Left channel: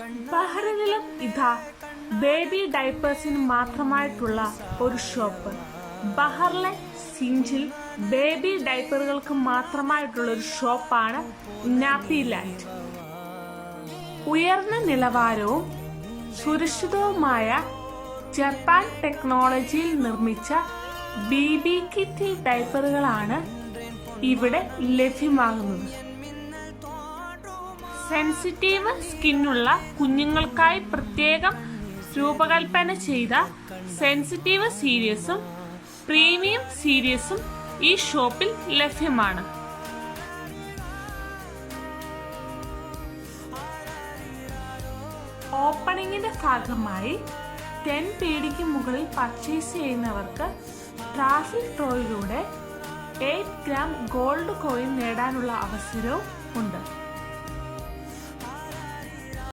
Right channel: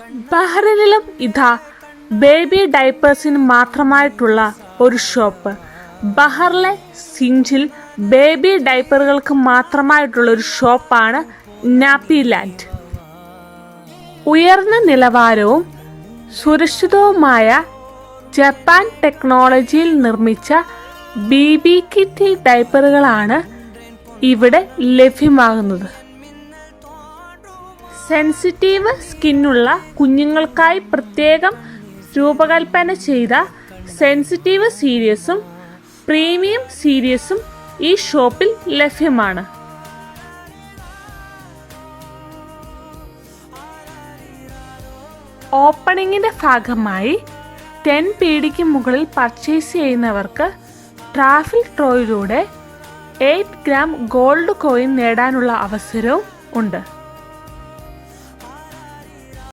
ബഹ്റൈനിലും ഇതാ ബേബി ഡൈപ്പേഴ്സിന് മാത്രമായിട്ടുള്ള ഒരു shop. ബഹറിലെ സിഞ്ചിൽ baby ഡൈപ്പറുകൾക്ക് മാത്രമായിട്ടുള്ള ഒരു ഷോപ്പാണ് നാപ്പി ലാൻഡ്. ഉയർന്ന നിലവാരവും സുരക്ഷിതവുമായ ജപ്പാൻ ടെക്നോളജിയിൽ നിർമ്മിച്ച ബേബി കിറ്റ് ഡൈപ്പറുകളാണ് ഇവിടെ ലഭ്യമാകുന്നത്. സെൻസിറ്റീവ് സ്കിന്നുള്ള കുഞ്ഞുങ്ങൾക്കായി പ്രത്യേകം രൂപകൽപ്പന ചെയ്ത സെൻസിറ്റീവ് സീരീസും പ്രീമിയം സീരീസും ഈ ഷോപ്പിൽ ലഭ്യമാണ്. ഓപ്പണിങ്ങിന്റെ ഭാഗമായി 10 PDക്ക് മുകളിൽ പർച്ചേസ് ചെയ്യുന്നവർക്ക് ട്രാഫിൽ ഡ്രോയിലൂടെ 8 ഗ്രാം ഗോൾഡ് കോയിൻ നേടാനുള്ള അവസരവും ഉണ്ട്.